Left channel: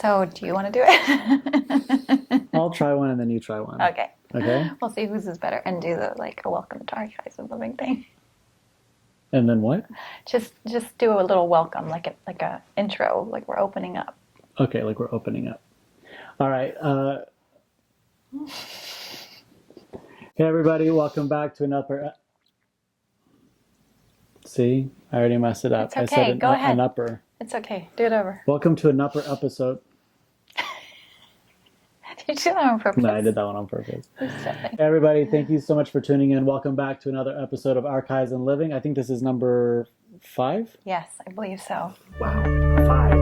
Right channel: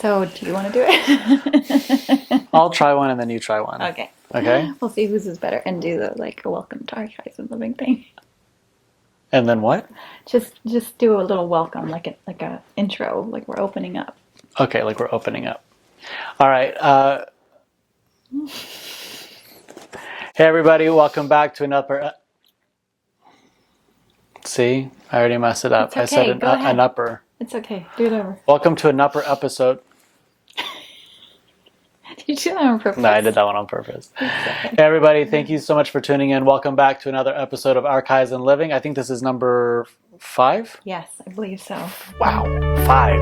So, do you want to do it? I'll try one and then you try one. Okay. Okay? We'll see whose is better and do the like a welcome to our guys and living thing. And then what? Just do a little welcome, like a intro, like we're opening up. Okay, like we're opening up. All right. Hey, everybody. Welcome back to another. See? I already messed it up. It's I okay. said an, Go ahead. an upper. It's okay. Do it over. Welcome to an upper episode. Did you do that on purpose? No, I did that one on purpose. Hey, everybody. Thank you so much for tuning in. Welcome back to another episode of Archives and Living. I think this is number 5. Yes, I believe so. Wow. 5.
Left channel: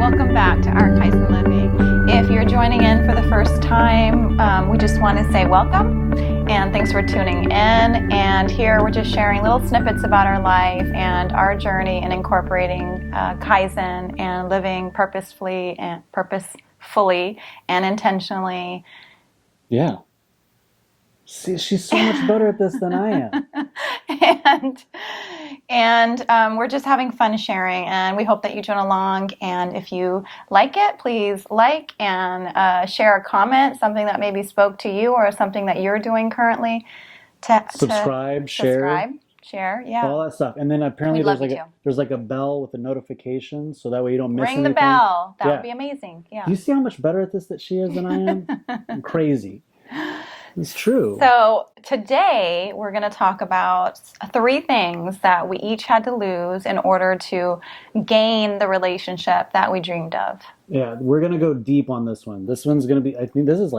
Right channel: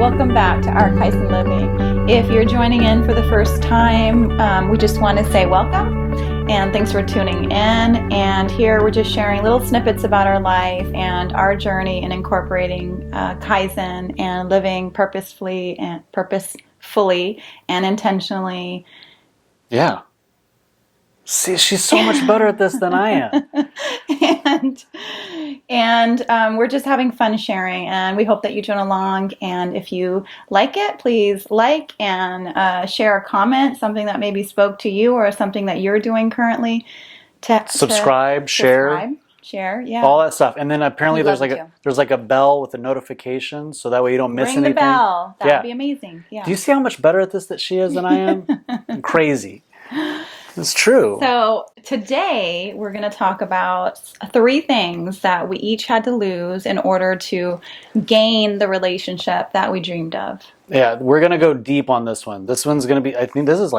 Welcome back to Archives and Living. If you're joining in for the first time, we just want to say welcome and thanks for tuning in. And here we're just sharing little snippets about our life and our journey in incorporating Kaizen and living purposefully and intentionally. Yeah. See, she's so much better at this than I am. And we're just having fun sharing, and we hope that you join along. And if you like it, please like and share a comment, something that maybe spoke to you or something that you're doing currently. Subscribe, share, yeah, all that stuff. And then apparently there's like a bell with a notification, so that way you don't miss anything. Ring the bell. That would be amazing. Yeah. Do you see how much better at this that she is than I am? Crazy. It's true. So today we're going to talk about 3 things that we each had to lose in order to gain the relationship that we dreamed of. Yeah, we're going to go deep on this one. This one's going to be, I think this is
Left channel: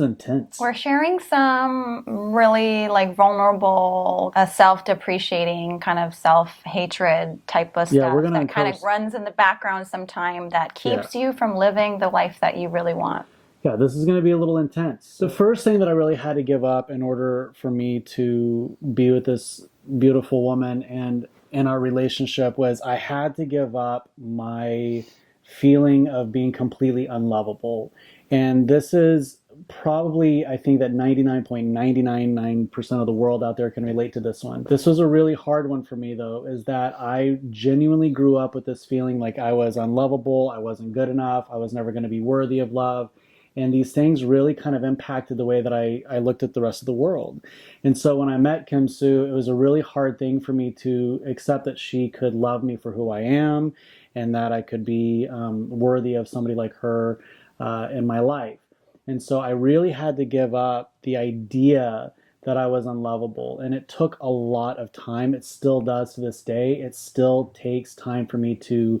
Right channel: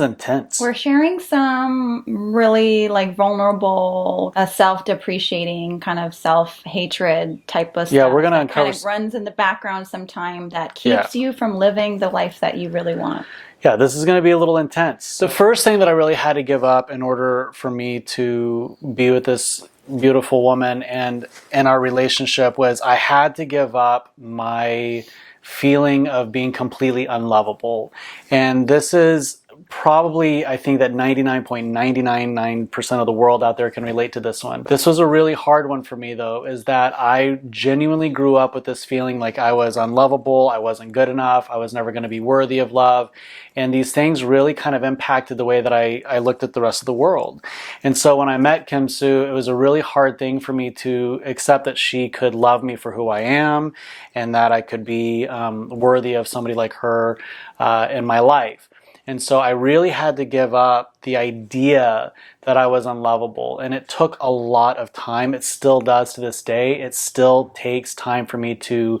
intense. We're sharing some really vulnerable, self-depreciating, kind of self-hatred type of stuff. Yeah, we're going to uncover. Kind of runs in the background sometime that keeps you from living the life that you really want. Yeah, this is going to be a little intense. The first thing that I really had to give up in order for me to be with this beautiful woman and our relationship was I had to give up my feeling of being completely unlovable. And this is probably, I think that 99.999% of the world out there can relate to this one. This was a really hard one for me though, is that I genuinely grew up with this feeling like I was unlovable, I wasn't good enough, I was never going to be worthy of love. And these things really kind of impacted the way that I looked at the rest of the world. And so when I met Kim Sue, it was a really hard thing for me to accept that she could love me for who I am and that I could be worthy of somebody like her in my life. And so I really had to give up the idea that I was unlovable. And it took a lot of time. It still does to this day. It still takes time for me to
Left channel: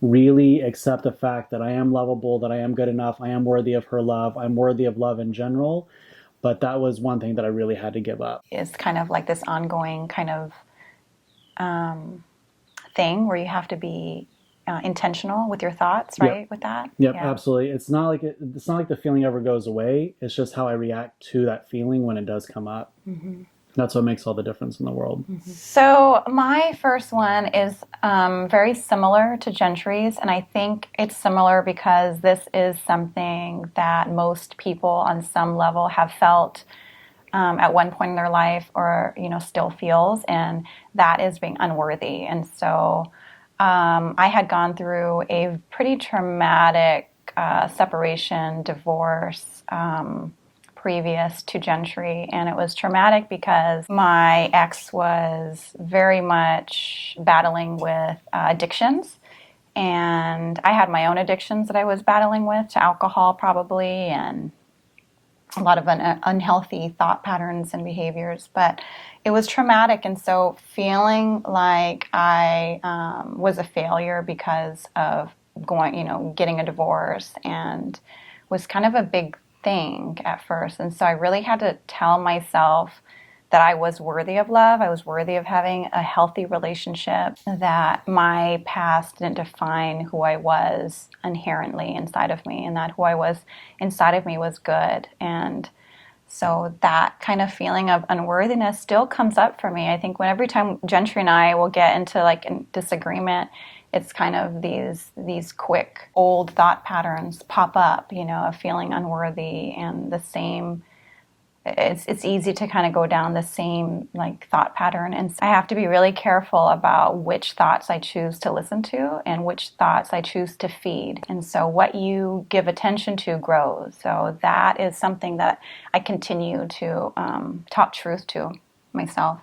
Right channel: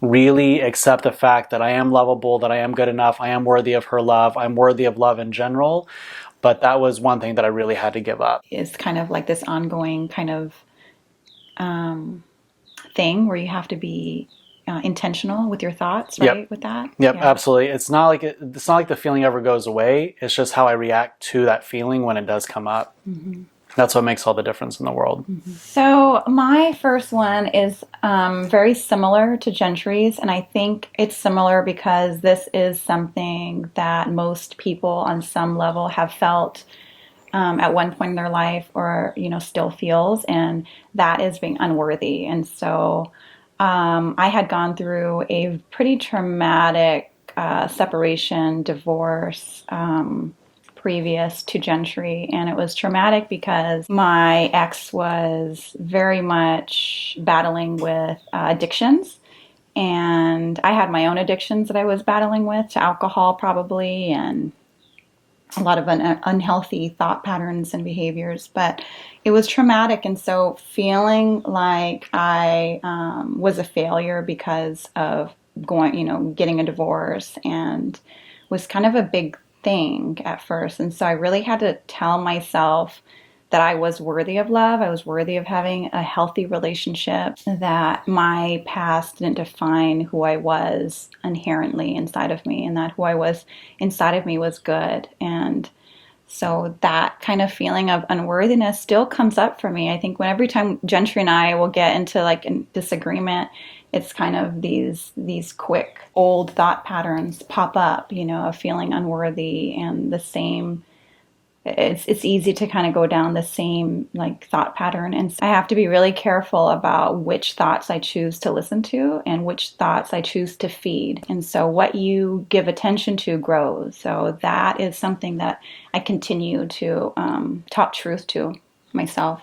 really accept the fact that I am lovable, that I am good enough, I am worthy of her love, I'm worthy of love in general. But that was one thing that I really had to give up. It's kind of like this ongoing kind of thing where you have to be intentional with your thoughts, right? Yep. With that? Yep, yeah. Absolutely. It's not like the feeling ever goes away. It's just how I react to that feeling when it does come up. Mm-hmm. That's what makes all the difference in the world. Mm-hmm. So my first one is very similar to Jentry's, and I think it's similar because this is something that most people on some level have felt at one point in their life or, still feels, and that is being unworthy. And so I had gone through a pretty traumatic separation, divorce, previous to Jentry, and it was traumatic because my ex was very much battling with addictions, and I had my own addictions that I was battling with, to alcohol probably, and a lot of unhealthy thought patterns and behaviors, but it was traumatic. And so feeling like I was a failure because of getting a divorce, and was kind of a big thing at first. And so I really had to tell myself that I was worthy of love. I was worthy of having a healthy relationship, that my past didn't define who I was inherently inside of me, and that who I was inside of me was good. And so that kind of feeling of unworthiness still comes up for me. I think every time Jentry and I will get into a disagreement, it's kind of these quick old thought patterns pop up, of feeling unworthy, and the same, it's easy to kind of go down the same like thought pattern. And so I have to be really careful about which thoughts I choose to listen to and which thoughts I choose to feed. And so what you give attention to grows. So that is something that I continue to talk truth to myself.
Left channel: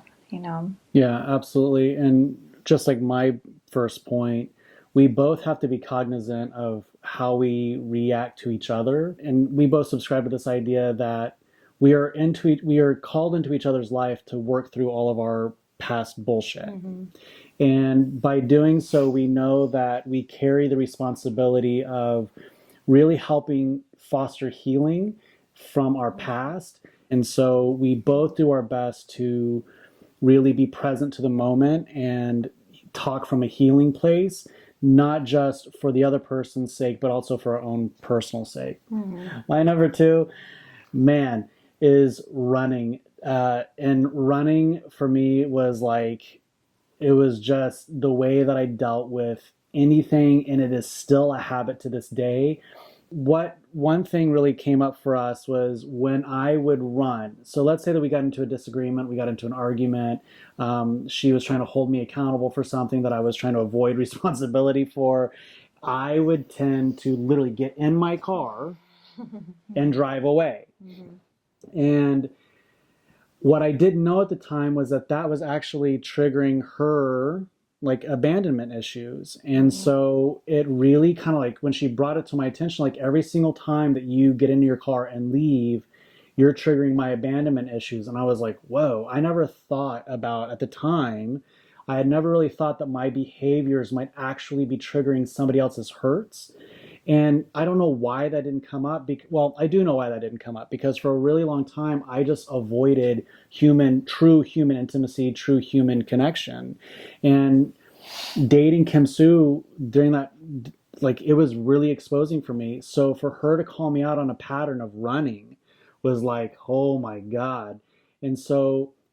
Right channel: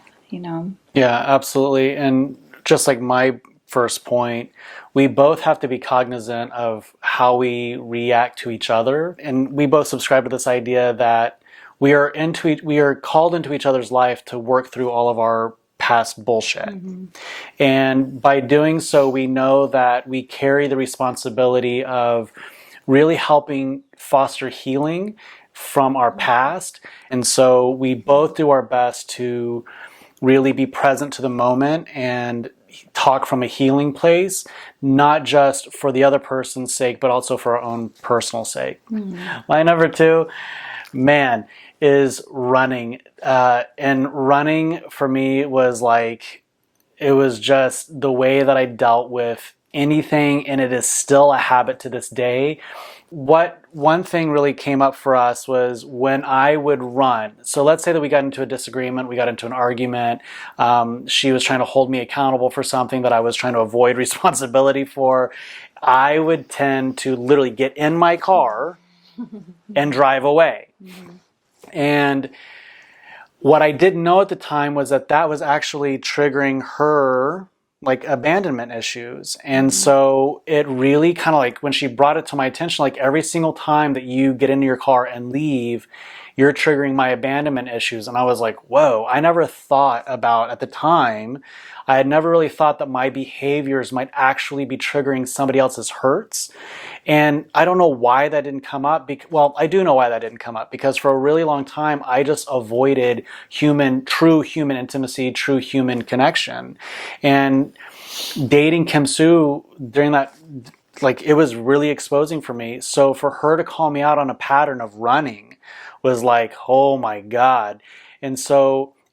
Yeah, absolutely. And just like my first point, we both have to be cognizant of how we react to each other. And we both subscribe to this idea that we are called into each other's life to work through all of our past bullshit. Mm-hmm. And by doing so, we know that we carry the responsibility of really helping foster healing from our past. And so we both do our best to really be present to the moment and talk from a healing place, not just for the other person's sake, but also for our own personal sake. Mm-hmm. My number two, man, is running. And running for me was like, it was just the way that I dealt with anything, and it is still a habit to this day. One thing really came up for us was when I would run. So let's say that we got into a disagreement, we got into an argument. She was trying to hold me accountable for something that I was trying to avoid responsibility for. I would tend to literally get in my car and drive away. Mm-hmm. And what I didn't know at the time was that that was actually triggering her like abandonment issues. And so it really kind of like when she brought it to my attention, like every single time that you get into your car and leave, you're triggering my abandonment issues. And I was like, whoa, I never thought about at the time, I had never really thought that my behaviors might actually be triggering somebody else's hurts. And I don't know why that didn't come up. Well, I do know why that didn't come up, because for a really long time, I just avoided true human intimacy, true human connection. And dating Kim Sue during that, like, it was really exposing for me. So for her to call me out on a pattern of running was like, oh my God.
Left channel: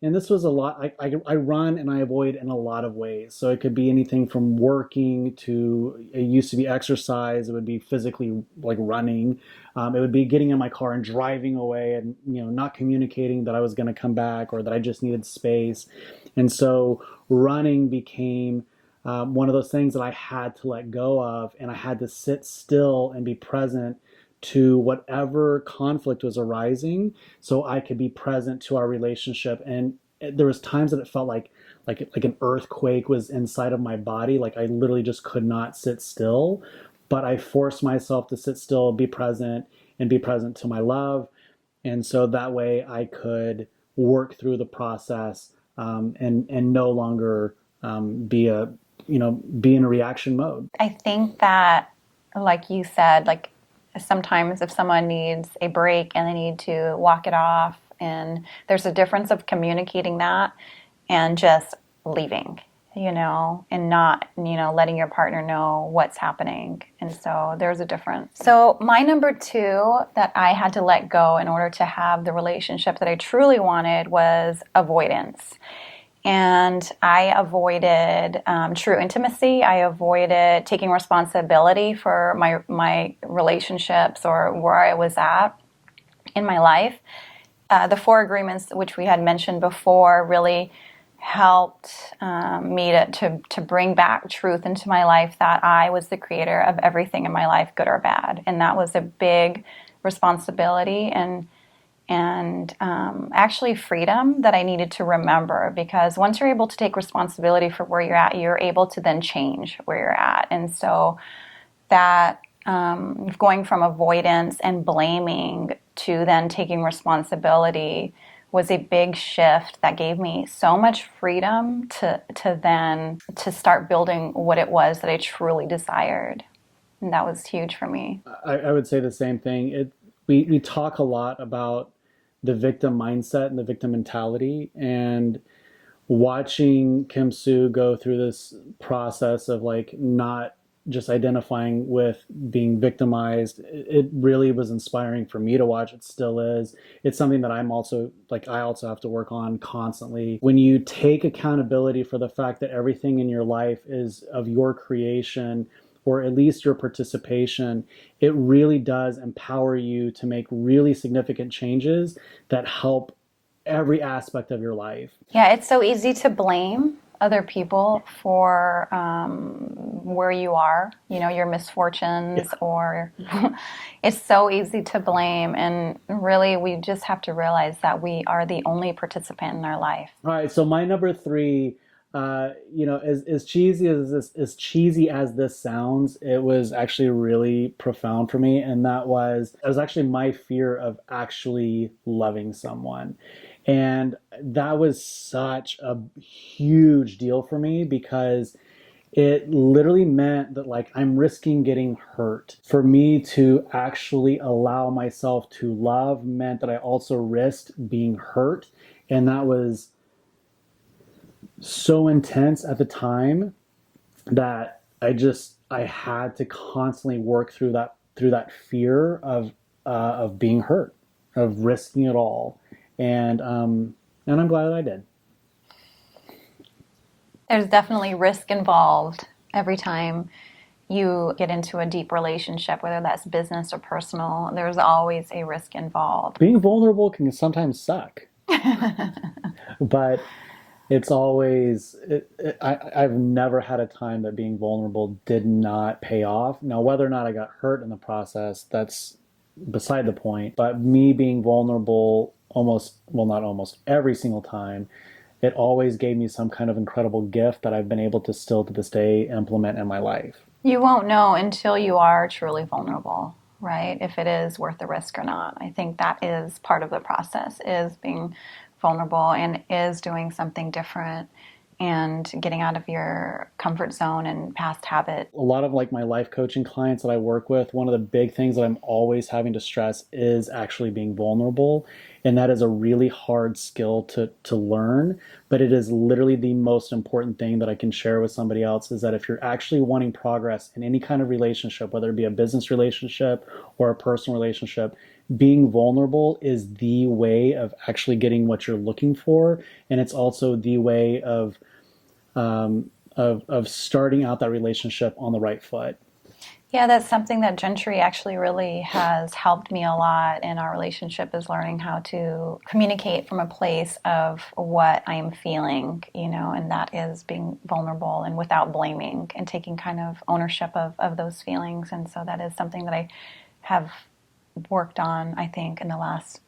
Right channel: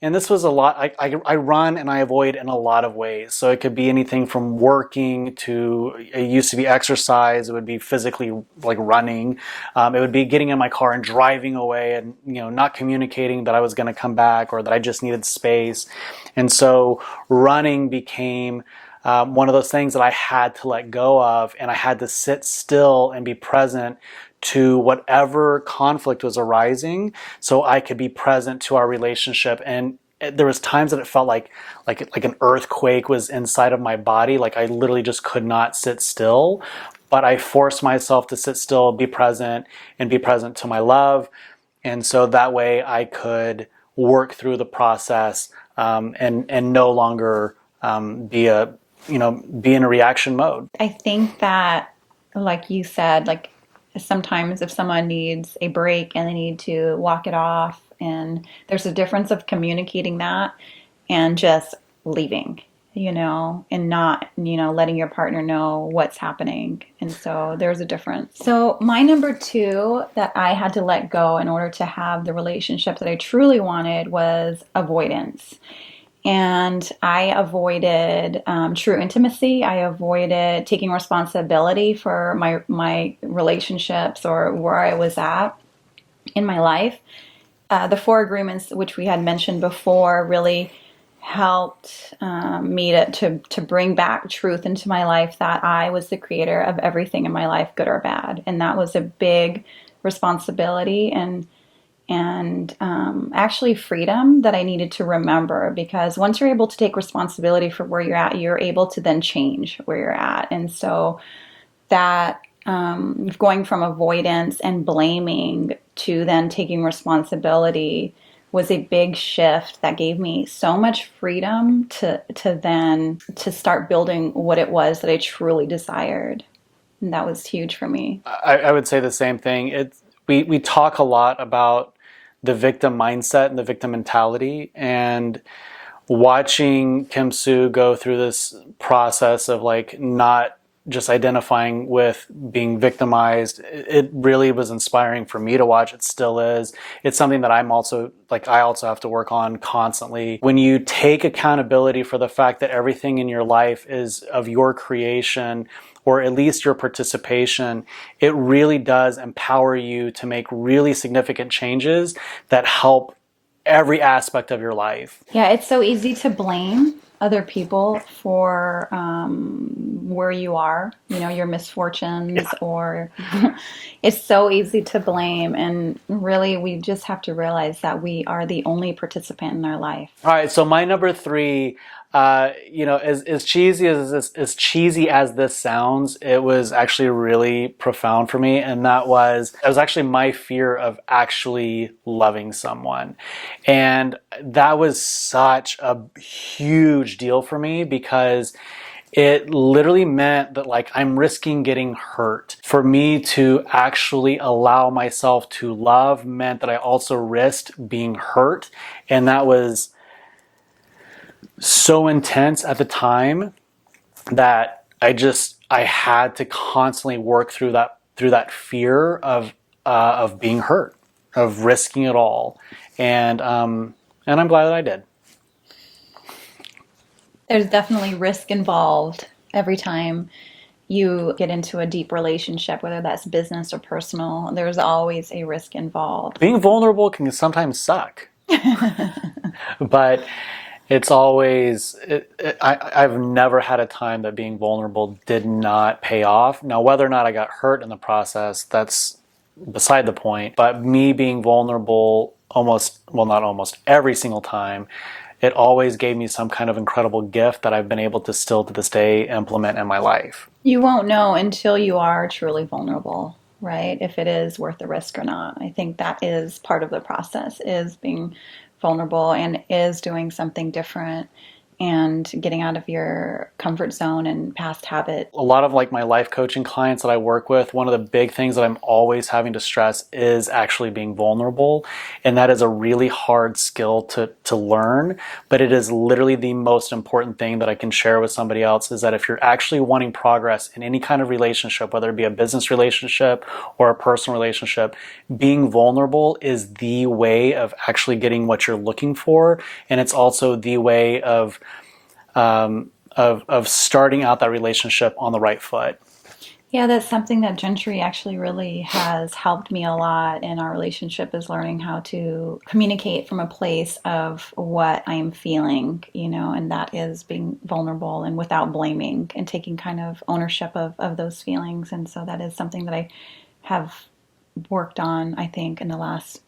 And this was a lot. I run and I avoid in a lot of ways. So it could be anything from working to, it used to be exercise. It would be physically like running. It would be getting in my car and driving away and, not communicating that I was going to come back or that I just needed space. And so running became one of those things that I had to let go of, and I had to sit still and be present to whatever conflict was arising so I could be present to our relationship. And there was times that it felt like an earthquake was inside of my body. Like I literally just could not sit still, but I forced myself to sit still, be present, and be present to my love. And so that way I could work through the process and no longer be in a reaction mode. I think that, like you said, like sometimes if someone needs a break and they need to walk it off, and there's a difference of communicating that and just leaving, and not, letting your partner know what's happening. And so there's a difference. So my number two that I had to let go in order to have the relationship that I truly wanted was avoidance. And I avoided true intimacy. I avoided taking responsibility for my relationships or where I was at in my life. The four agreements, which we had mentioned before, really helped me to bring back truth into my life, that I was the creator of everything in my life, good or bad. And that was a big responsibility and actually freedom that I needed to remember, because once you're able to take responsibility for where you're at, you're able to then change where you're at. And so that going from avoidance and blaming to then taking responsibility was a big shift that gave me so much freedom to start building what it was that I truly desired. And that was huge for me. I would say the same thing. We talk a lot about the victim mindset and the victim mentality, and watching Kim Sue go through this process of like not just identifying with being victimized, it really was inspiring for me to watch. It still is. It's something that I also have to work on constantly. When you take accountability for the fact that everything in your life is of your creation, or at least your participation, it really does empower you to make really significant changes that help every aspect of your life. Yeah, it's so easy to blame other people for where you are, your misfortunes, or it's so easy to blame. And really, we just have to realize that we are the only participant in our life. All right, so my number three, as cheesy as this sounds, it was actually really profound for me, and it was actually my fear of actually loving someone, and that was such a huge deal for me because it literally meant that I'm risking getting hurt. For me to actually allow myself to love meant that I also risked being hurt, and that was so intense at the time that I had to constantly work through that fear of being hurt, of risking it all, and I'm glad that I did. There's definitely risk involved every time you get into a deep relationship, whether that's business or personal. There's always a risk involved. Being vulnerable can sometimes suck, but it's always, I've never had a time that being vulnerable did not pay off. Now, whether or not I got hurt in the process, that's beside the point. But me being vulnerable not almost every single time, it always gave me some kind of incredible gift that I've been able to still to this day implement in my life. You won't know until you are truly vulnerable, right? If it is worth the risk or not. I think that is part of the process, is being vulnerable and is doing something different and getting out of your comfort zone and past habit. A lot of my life coaching clients that I work with, one of the big things that I'm always having to stress is actually being vulnerable. And that is a really hard skill to learn, but it is literally the most important thing that I can share with somebody else, is that if you're actually wanting progress in any kind of relationship, whether it be a business relationship or a personal relationship, being vulnerable is the way of actually getting what you're looking for. And it's also the way of starting out that relationship on the right foot. Yeah, that's something that Gentry actually really has helped me a lot in our relationship, is learning how to communicate from a place of what I am feeling, and that is being vulnerable and without blaming and taking kind of ownership of those feelings. And so that is something that I have worked on, I think, in the last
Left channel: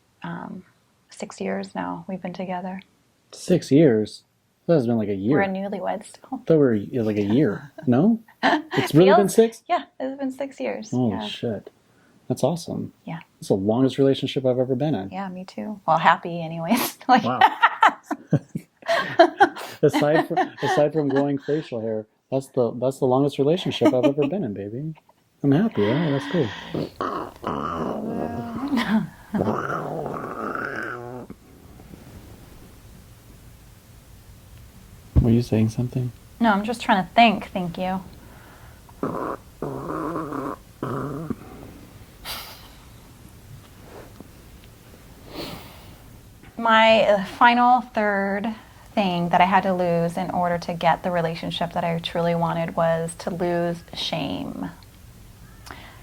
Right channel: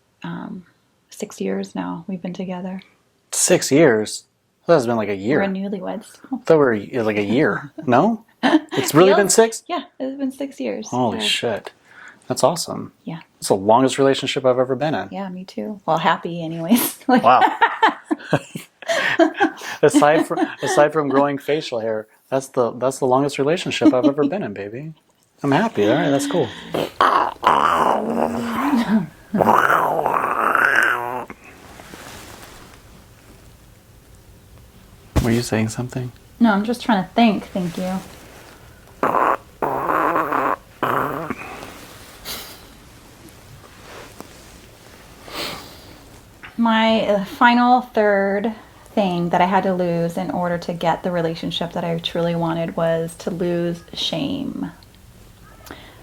6 years now we've been together. 6 years? That has been like a year. We're newlyweds. I thought we were like a year. No? It's really been 6? Yeah, it's been 6 years. Holy shit. That's awesome. Yeah. It's the longest relationship I've ever been in. Yeah, me too. Well, happy anyways. Wow. aside from growing facial hair, that's the longest relationship I've ever been in, baby. I'm happy. All right, that's cool. Were you saying something? No, I'm just trying to think. Thank you. My final third thing that I had to lose in order to get the relationship that I truly wanted was to lose shame.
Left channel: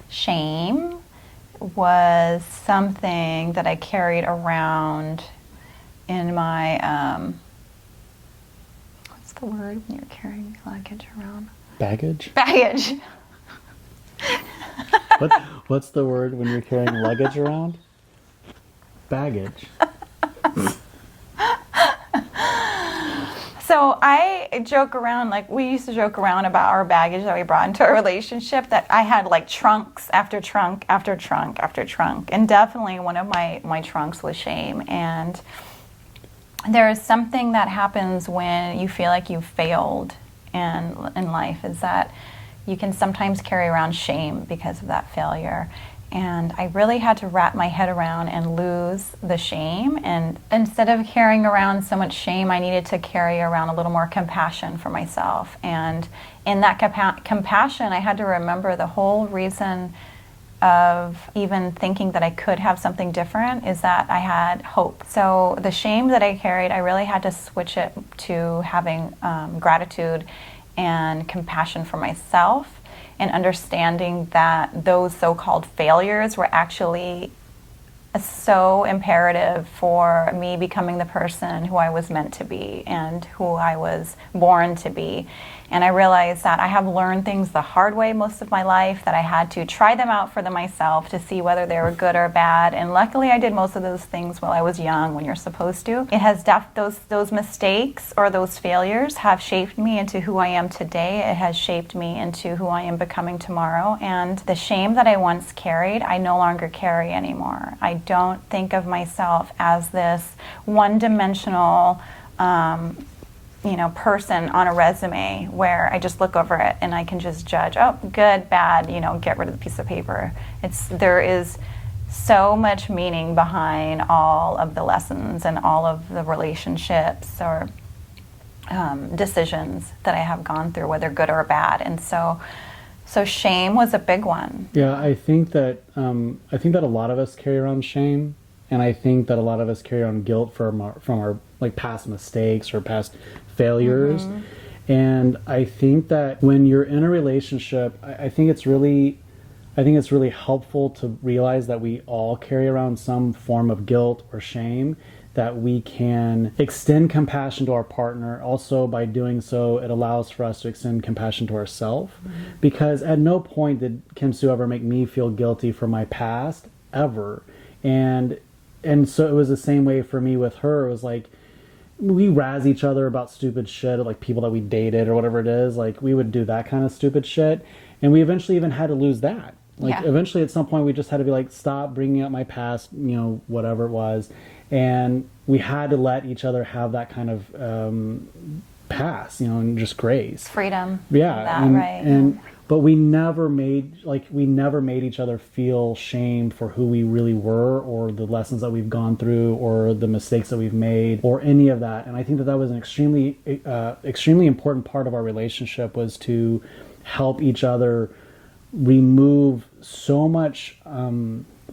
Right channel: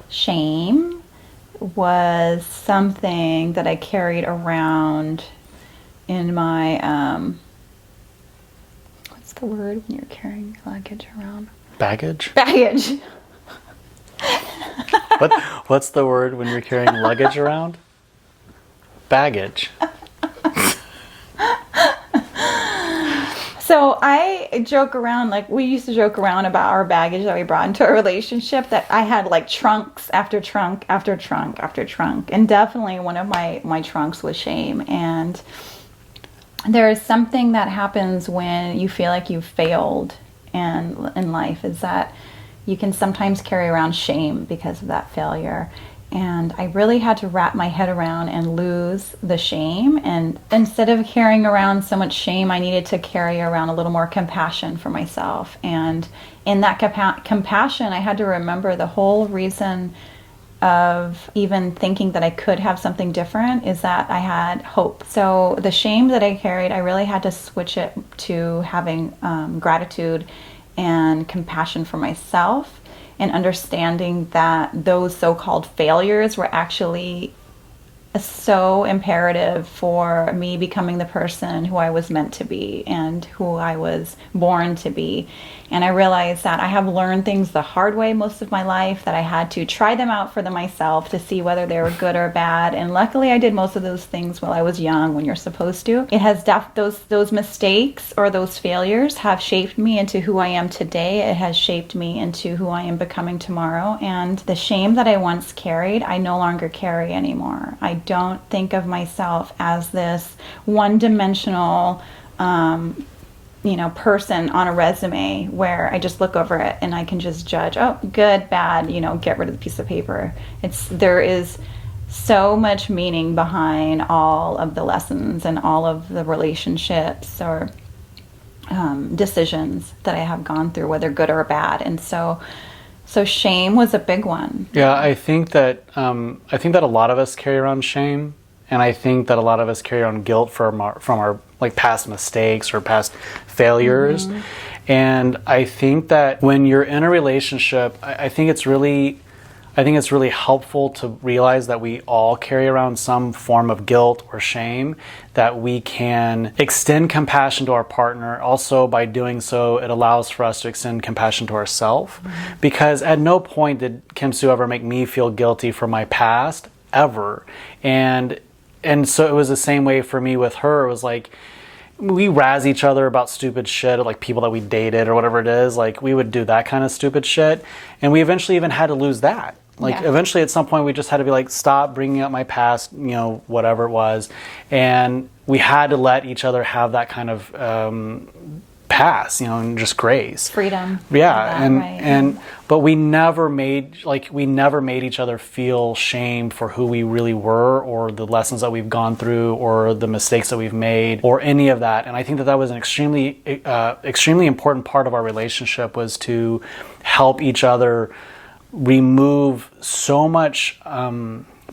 Shame was something that I carried around in my what's the word when you're carrying luggage around? Baggage? Baggage. What's the word when you're carrying luggage around? Baggage. So I joke around, we used to joke around about our baggage that we brought into our relationship, that I had trunks after trunk after trunk after trunk. And definitely one of my trunks was shame. And there is something that happens when you feel like you've failed in life, is that you can sometimes carry around shame because of that failure. And I really had to wrap my head around and lose the shame. And instead of carrying around so much shame, I needed to carry around a little more compassion for myself. And in that compassion, I had to remember the whole reason of even thinking that I could have something different is that I had hope. So the shame that I carried, I really had to switch it to having gratitude and compassion for myself, and understanding that those so-called failures were actually so imperative for me becoming the person who I was meant to be and who I was born to be. And I realized that I have learned things the hard way most of my life, that I had to try them out for myself to see whether they were good or bad. And luckily I did most of those things while I was young, when you're supposed to. It has those mistakes or those failures have shaped me into who I am today. It has shaped me into who I am becoming tomorrow. And the shame that I once carried, I no longer carry anymore. I don't think of myself as this one-dimensional person on a resume where I just look over it and I can just judge, oh, good, bad, get rid of the piece of paper. There is so much meaning behind all of the lessons and all of the relationships or decisions that I have gone through, whether good or bad. And so shame was a big one. Yeah, I think that a lot of us carry around shame, and I think that a lot of us carry around guilt from our like past mistakes or past failures. Mm-hmm. And I think that when you're in a relationship, I think it's really helpful to realize that we all carry around some form of guilt or shame, that we can extend compassion to our partner. Also, by doing so, it allows for us to extend compassion to ourselves. Mm-hmm. Because at no point did Kim Sue ever make me feel guilty for my past, ever. And so it was the same way for me with her. It was like, we razz each other about stupid shit, like people that we dated or whatever it is. Like, we would do that kind of stupid shit. And we eventually even had to lose that. Like, yeah. Eventually at some point we just had to be like, stop bringing up my past, whatever it was. And we had to let each other have that kind of pass, and just grace. Freedom. Yeah. But we never made each other feel shame for who we really were, or the lessons that we've gone through, or the mistakes that we've made, or any of that. And I think that was an extremely important part of our relationship, was to help each other remove so much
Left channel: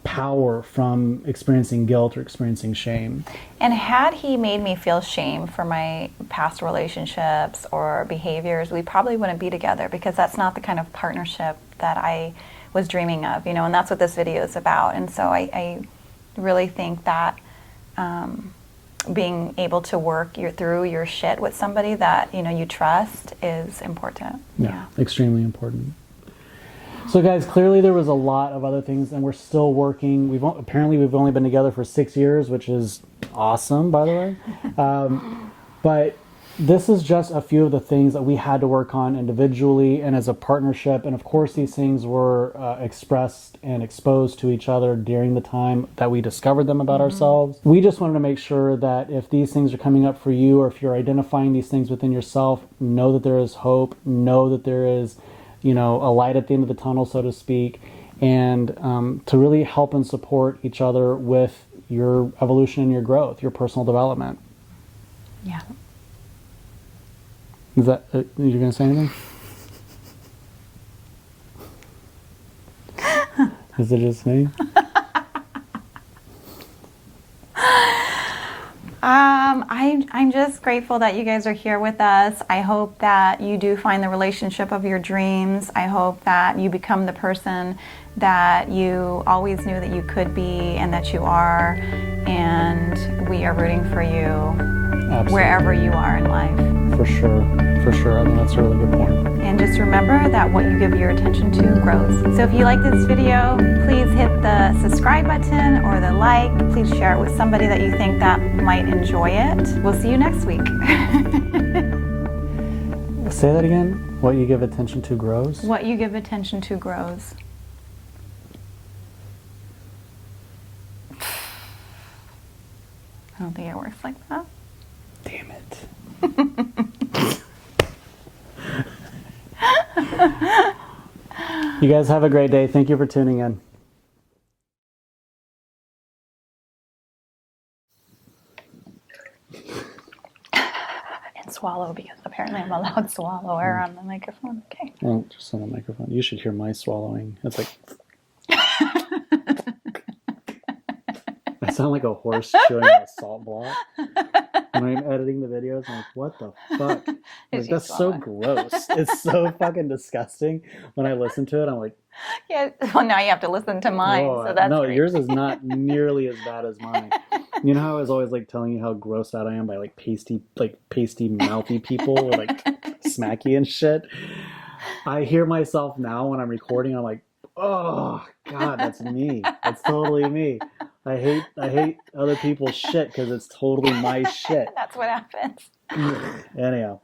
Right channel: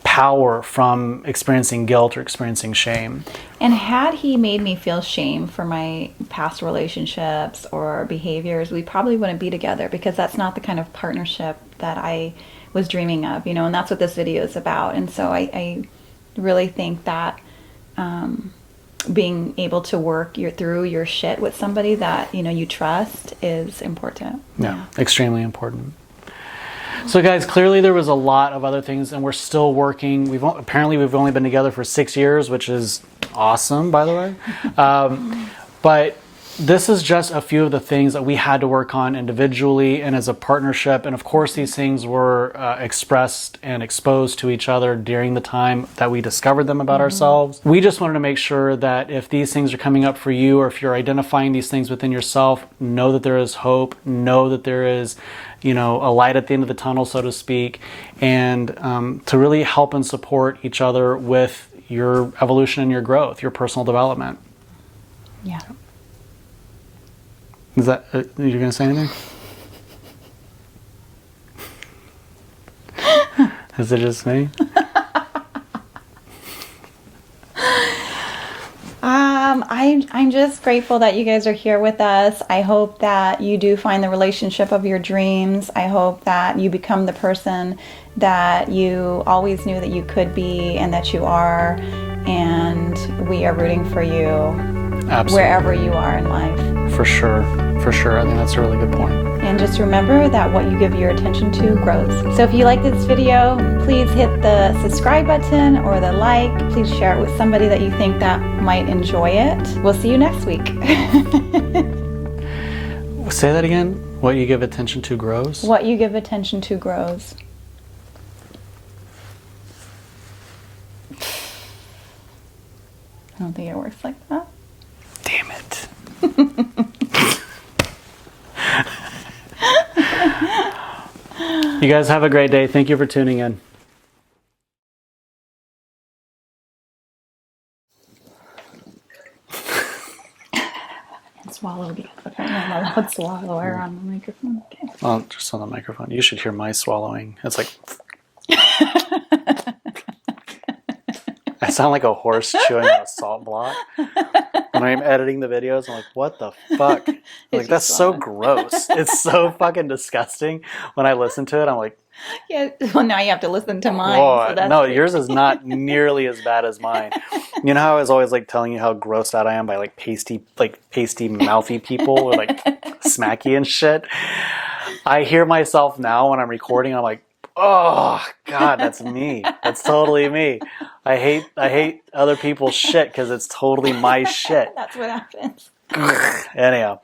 power from experiencing guilt or experiencing shame. And had he made me feel shame for my past relationships or behaviors, we probably wouldn't be together, because that's not the kind of partnership that I was dreaming of, and that's what this video is about. And so I really think that being able to work through your shit with somebody that you trust is important. Yeah, extremely important. So guys, clearly there was a lot of other things, and we're still working. We've only been together for 6 years, which is awesome, by the way. But this is just a few of the things that we had to work on individually and as a partnership. And of course, these things were expressed and exposed to each other during the time that we discovered them about ourselves. We just wanted to make sure that if these things are coming up for you, or if you're identifying these things within yourself, know that there is hope, know that there is a light at the end of the tunnel, so to speak, and to really help and support each other with your evolution and your growth, your personal development. Yeah. Is that, you're going to say anything? Is it just me? I'm just grateful that you guys are here with us. I hope that you do find the relationship of your dreams. I hope that you become the person that you always knew that you could be and that you are. And we are rooting for you. Absolutely. Wherever you are in life. For sure. I think that's a really good point. And just remember that what you give your attention to grows. So if you like this video, please hit the subscribe button or the like. Please share it with somebody that you think that might enjoy it. We'll see you next week. Say that again. What you give attention to grows? What you give attention to grows. I don't think it works like that. Damn it. You guys have a great day. Thank you for tuning in. swallow because apparently I'm a loud swallower on the microphone. Okay. Well, just on the microphone. You should hear my swallowing. It's like I sound like a horse chewing on a salt block. When I'm editing the videos, I'm like, what the fuck? Like, that's so gross. It's so fucking disgusting. When I listen to it, I'm like, Yeah. Well, now you have to listen to mine. oh, So that's no, yours is not nearly as bad as mine. You know how I was always like telling you how grossed out I am by like pasty, mouthy people or like smacky and shit. I hear myself now when I'm recording. I'm like, oh God, that's me. That's totally me. I hate other people's shit because it's totally my shit. That's what happens. Anyhow,